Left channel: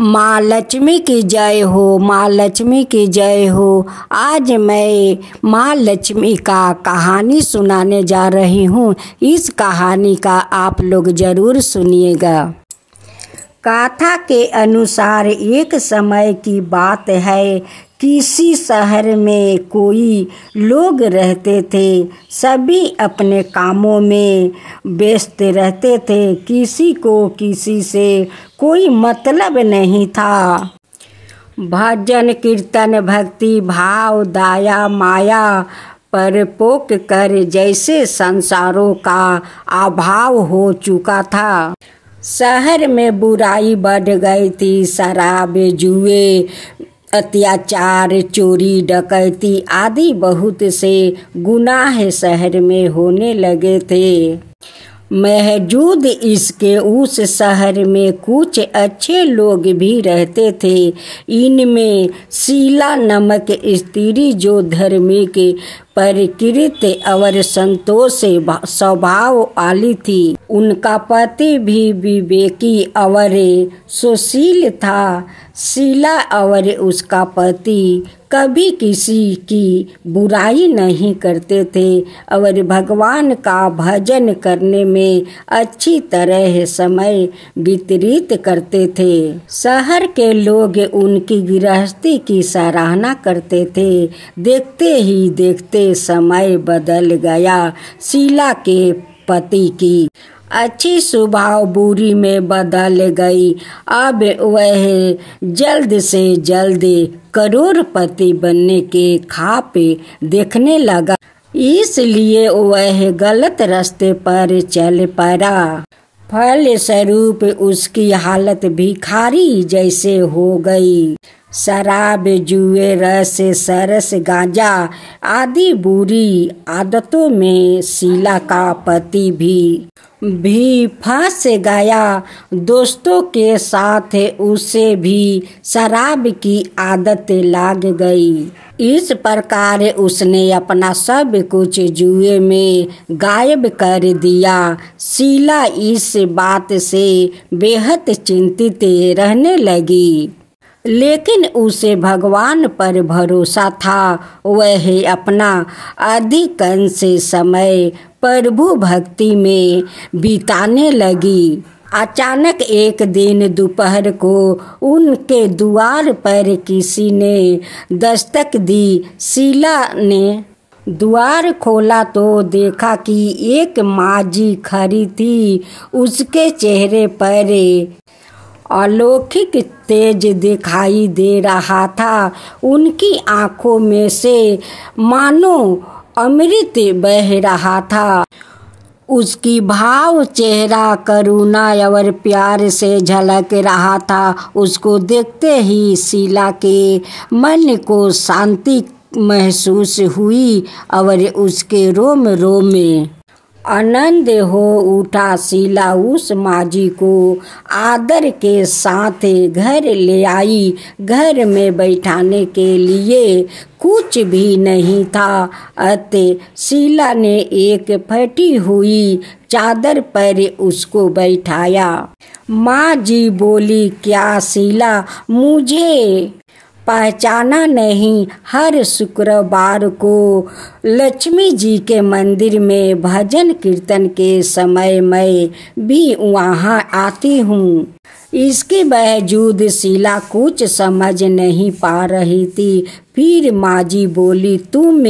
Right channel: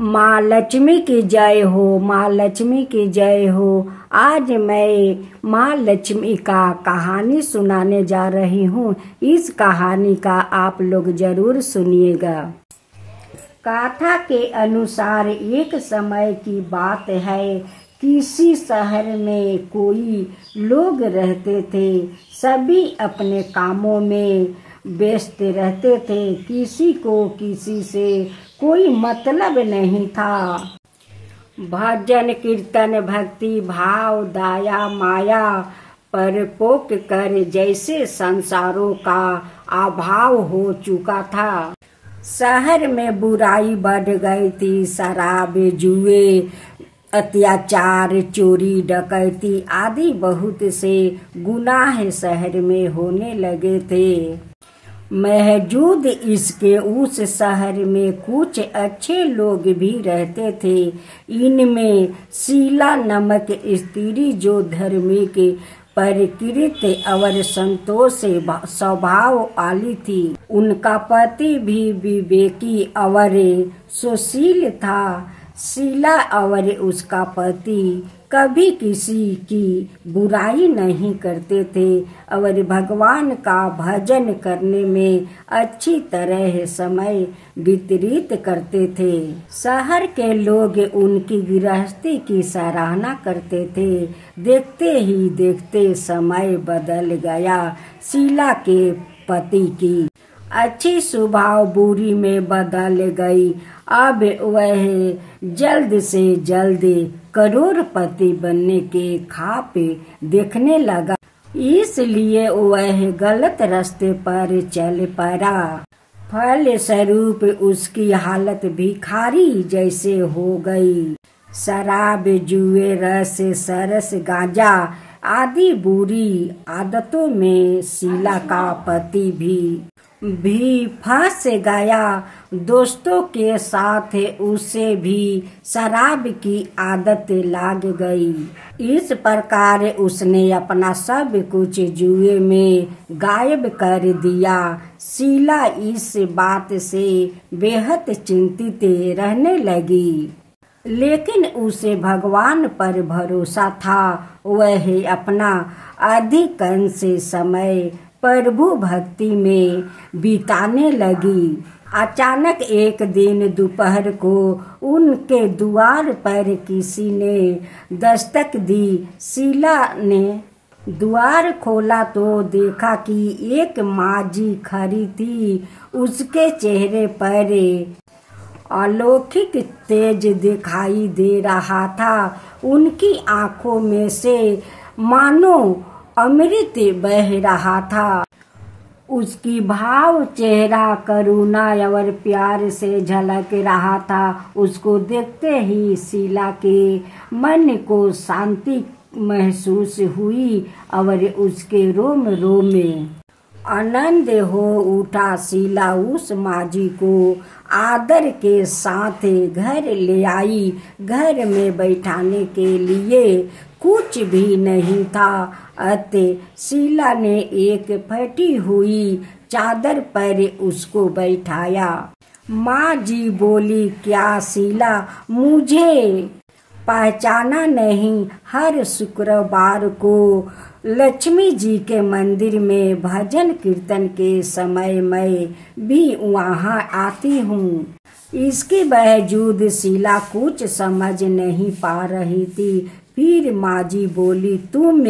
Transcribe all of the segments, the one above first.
माँ लक्ष्मी की जय हो, माँ लक्ष्मी की जय हो। आज मैं माँ लक्ष्मी का कहानी सुनाने जा रही हूँ। इस कहानी का आप लोग ज़रूर सुनिएगा। कथा के अनुसार एक समय की बात है। किसी शहर में कोई लोग रहते थे। सभी अपने कामों में व्यस्त रहते थे। किसी को किसी से कोई मतलब नहीं था। भजन कीर्तन भक्ति भाव दया माया परपोक कर जैसे संसारों का अभाव हो चुका था। शहर में बुराई बढ़ गई थी। शराब जुए अत्याचार चोरी डकैती आदि बहुत से गुनाह शहर में होने लगे थे। महजूद इसके उस शहर में कुछ अच्छे लोग भी रहते थे। इनमें शीला नामक स्त्री जो धार्मिक प्रकृति और संतोष स्वभाव वाली थी। उनका पति भी विवेकी और सुशील था। शीला और उसका पति कभी किसी की बुराई नहीं करते थे और भगवान का भजन करने में अच्छी तरह समय व्यतीत करते थे। शहर के लोग उनकी गृहस्थी की सराहना करते थे। देखते ही देखते समय बदल गया। शीला के पति की अच्छी स्वभाव बुरी में बदल गई। अब वह जल्द से जल्द करोड़पति बनने के ख्वाब देखने लगा। इसलिए वह गलत रास्ते पर चल पड़ा। फलस्वरूप उसकी हालत भिखारी जैसे हो गई। शराब जुए रस सरस गांजा आदि बुरी आदतों में शीला का पति भी फंस गया। दोस्तों के साथ उसे भी शराब की आदत लग गई। इस प्रकार उसने अपना सब कुछ जुए में गायब कर दिया। शीला इस बात से बेहद चिंतित रहने लगी। लेकिन उसे भगवान पर भरोसा था। वह अपना अधिकांश समय प्रभु भक्ति में बिताने लगी। अचानक एक दिन दोपहर को उनके द्वार पर किसी ने दस्तक दी। शीला ने द्वार खोला तो देखा कि एक माजी खड़ी थी। उसके चेहरे पर अलौकिक तेज दिखाई दे रहा था। उनकी आंखों में से मानो अमृत बह रहा था। उसकी भाव चेहरा करुणा और प्यार से झलक रहा था। उसको देखते ही शीला के मन को शांति महसूस हुई और उसके रोम रोम में आनंद हो उठा। शीला उस माजी को आदर के साथ घर ले आई। घर में बैठाने के लिए कुछ भी नहीं था। अतः शीला ने एक फटी हुई चादर पर उसको बैठाया। माँ जी बोली, क्या शीला मुझे पहचाना नहीं? हर शुक्रवार को लक्ष्मी जी के मंदिर में भजन कीर्तन के समय मैं भी वहाँ आती हूँ। इसके बावजूद शीला कुछ समझ नहीं पा रही थी। फिर माँ जी बोली, तुम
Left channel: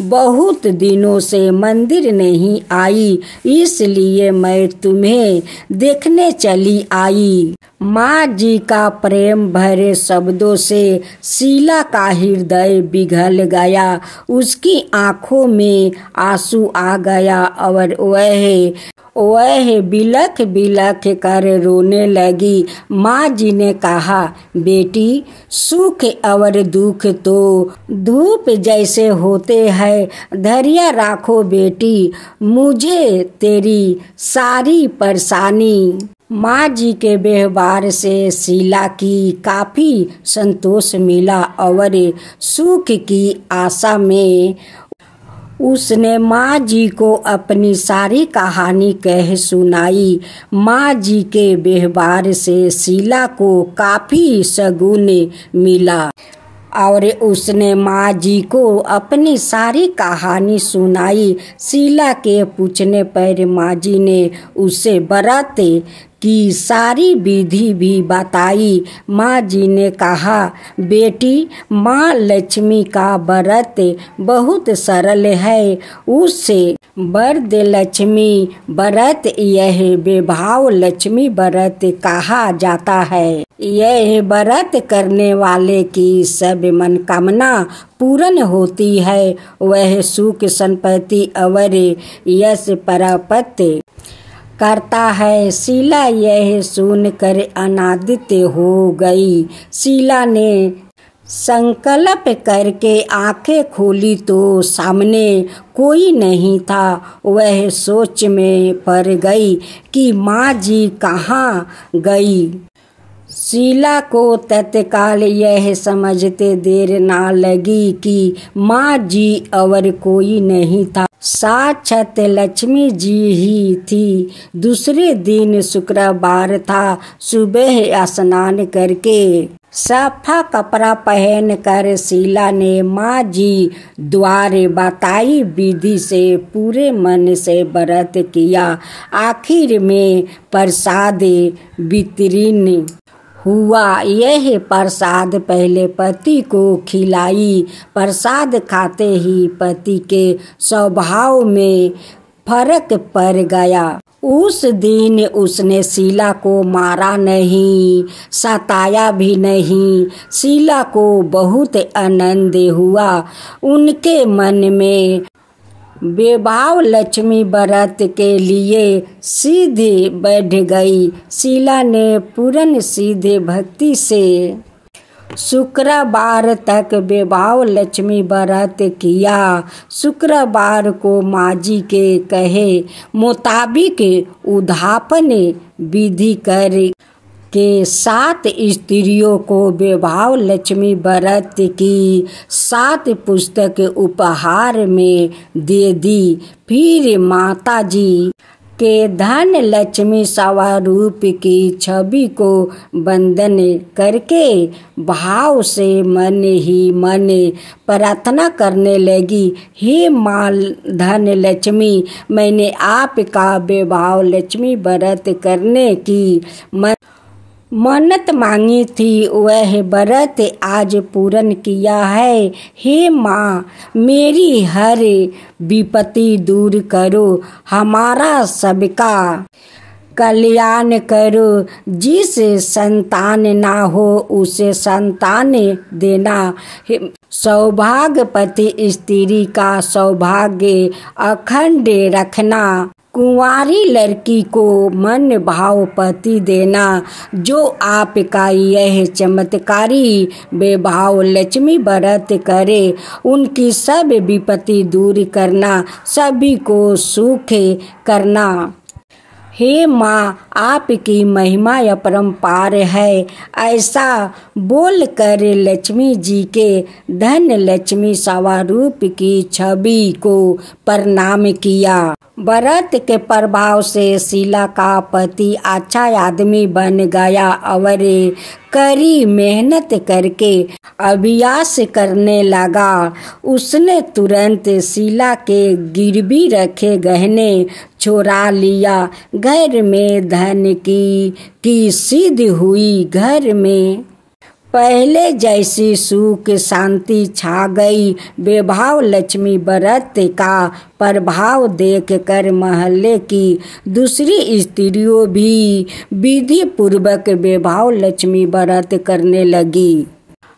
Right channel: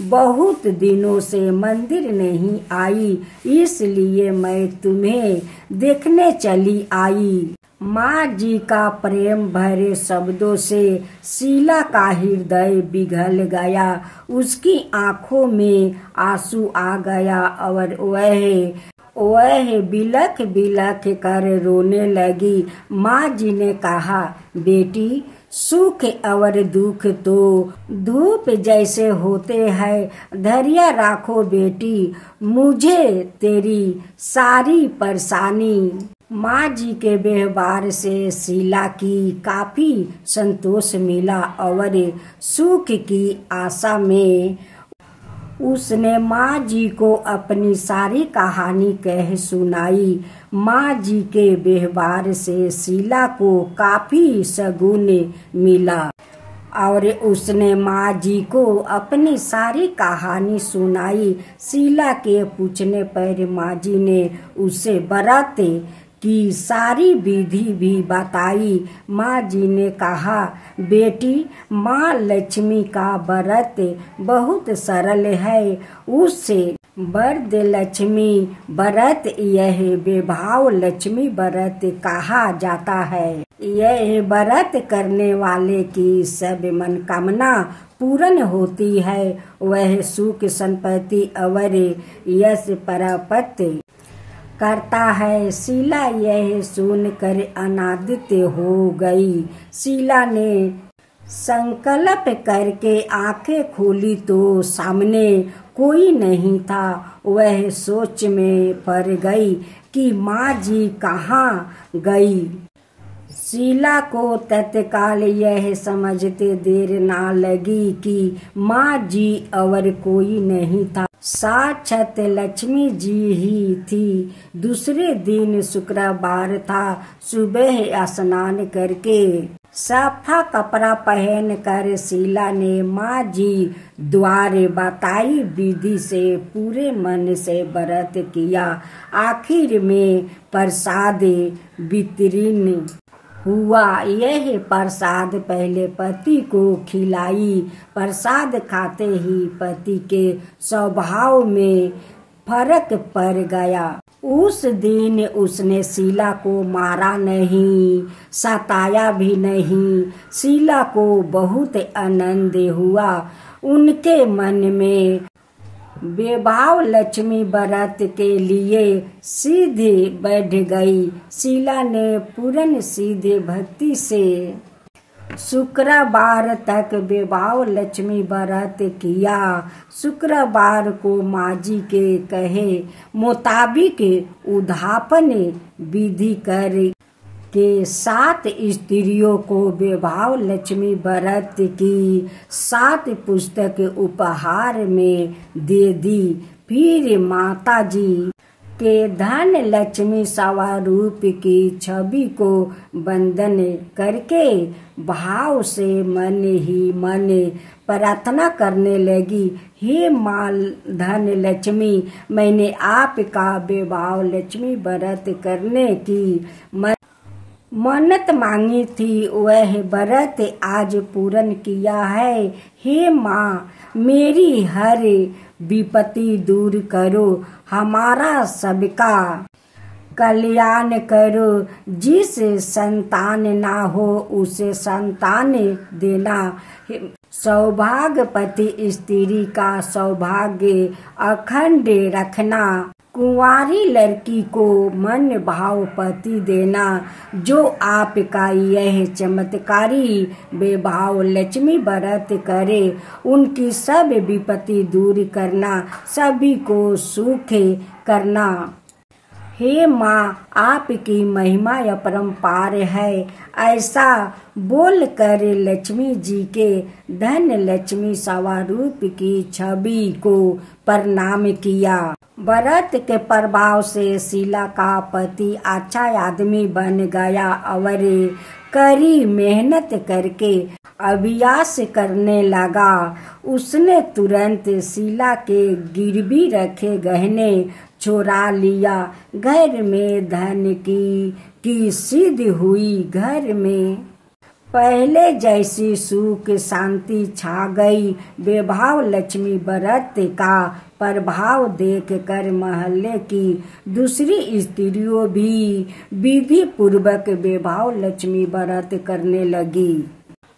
बहुत दिनों से मंदिर नहीं आई, इसलिए मैं तुम्हें देखने चली आई। माँ जी का प्रेम भरे शब्दों से शीला का हृदय पिघल गया। उसकी आंखों में आंसू आ गया और वह बिलख बिलख कर रोने लगी। माँ जी ने कहा, बेटी, सुख और दुख तो धूप जैसे होते हैं। धैर्य रखो बेटी, मुझे तेरी सारी परेशानी। माँ जी के व्यवहार से शीला की काफी संतोष मिला और सुख की आशा में उसने माँ जी को अपनी सारी कहानी कह सुनाई। माँ जी के व्यवहार से शीला को काफ़ी शगुन मिला और उसने माँ जी को अपनी सारी कहानी सुनाई। शीला के पूछने पर माँ जी ने उसे व्रत की सारी विधि भी बताई। माँ जी ने कहा, बेटी, माँ लक्ष्मी का व्रत बहुत सरल है। उससे वरद लक्ष्मी व्रत यह विभाव लक्ष्मी व्रत कहा जाता है। यह व्रत करने वाले की सब मनोकामना पूर्ण होती है। वह सुख संपत्ति और यश प्राप्त करता है। शीला यह सुनकर आनंदित हो गई। शीला ने संकल्प करके आंखें खोली तो सामने कोई नहीं था। वह सोच में पड़ गई कि माँ जी कहाँ गई। शीला को तत्काल यह समझते देर ना लगी कि माँ जी और कोई नहीं था, साक्षात लक्ष्मी जी ही थी। दूसरे दिन शुक्रवार था। सुबह स्नान करके साफा कपड़ा पहनकर शीला ने माँ जी द्वारा बताई विधि से पूरे मन से व्रत किया। आखिर में प्रसाद वितरण हुआ। यह प्रसाद पहले पति को खिलाई। प्रसाद खाते ही पति के स्वभाव में फर्क पड़ गया। उस दिन उसने शीला को मारा नहीं, सताया भी नहीं। शीला को बहुत आनंद हुआ। उनके मन में विभाव लक्ष्मी व्रत के लिए सीधे बढ़ गई। शीला ने पूर्ण सीधे भक्ति से शुक्रवार तक विभाव लक्ष्मी व्रत किया। शुक्रवार को माँ जी के कहे मुताबिक उद्यापन विधि कर के 7 स्त्रियों को विभाव लक्ष्मी व्रत की 7 पुस्तक उपहार में दे दी। फिर माता जी के धन लक्ष्मी स्वरूप की छवि को वंदन करके भाव से मन ही मन प्रार्थना करने लगी, हे माँ धन लक्ष्मी, मैंने आपका विभाव लक्ष्मी व्रत करने की मन्नत मांगी थी, वह व्रत आज पूर्ण किया है। हे माँ, मेरी हर विपत्ति दूर करो, हमारा सबका कल्याण करो। जिस संतान ना हो उसे संतान देना। सौभाग्यवती स्त्री का सौभाग्य अखंड रखना। कुंवारी लड़की को मन भाव पति देना। जो आपका यह चमत्कारी विभाव लक्ष्मी व्रत करे, उनकी सब विपत्ति दूर करना, सभी को सुख करना। हे माँ, आपकी महिमा अपरंपार है। ऐसा बोलकर लक्ष्मी जी के धन लक्ष्मी स्वरूप की छवि को प्रणाम किया। व्रत के प्रभाव से शीला का पति अच्छा आदमी बन गया और कड़ी मेहनत करके अभ्यास करने लगा। उसने तुरंत शीला के गिरवी रखे गहने चुरा लिया। घर में धन की सिद्धि हुई। घर में पहले जैसी सुख शांति छा गई। विभाव लक्ष्मी व्रत का प्रभाव देखकर मोहल्ले की दूसरी स्त्रियों भी विधि पूर्वक विभाव लक्ष्मी व्रत करने लगी।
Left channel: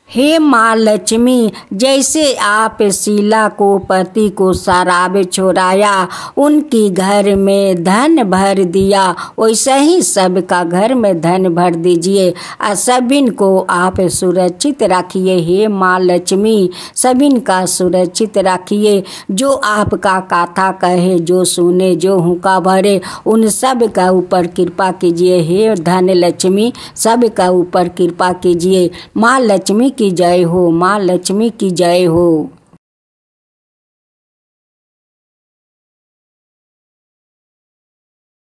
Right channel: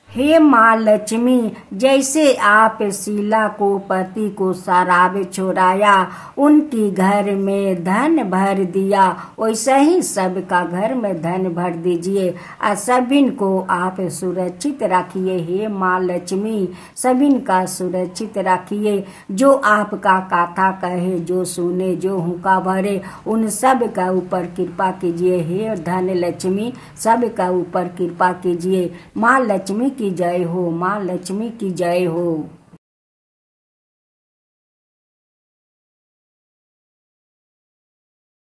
हे माँ लक्ष्मी, जैसे आप शीला को पति को शराब छोड़ाया, उनकी घर में धन भर दिया, वैसे ही सबका घर में धन भर दीजिए और सभी को आप सुरक्षित रखिए। हे माँ लक्ष्मी, सभी का सुरक्षित रखिए। जो आपका कथा कहे, जो सुने, जो हुक्का भरे, उन सब का ऊपर कृपा कीजिए। हे धन लक्ष्मी, सब का ऊपर कृपा कीजिए। माँ लक्ष्मी की जय हो। माँ लक्ष्मी की जय हो।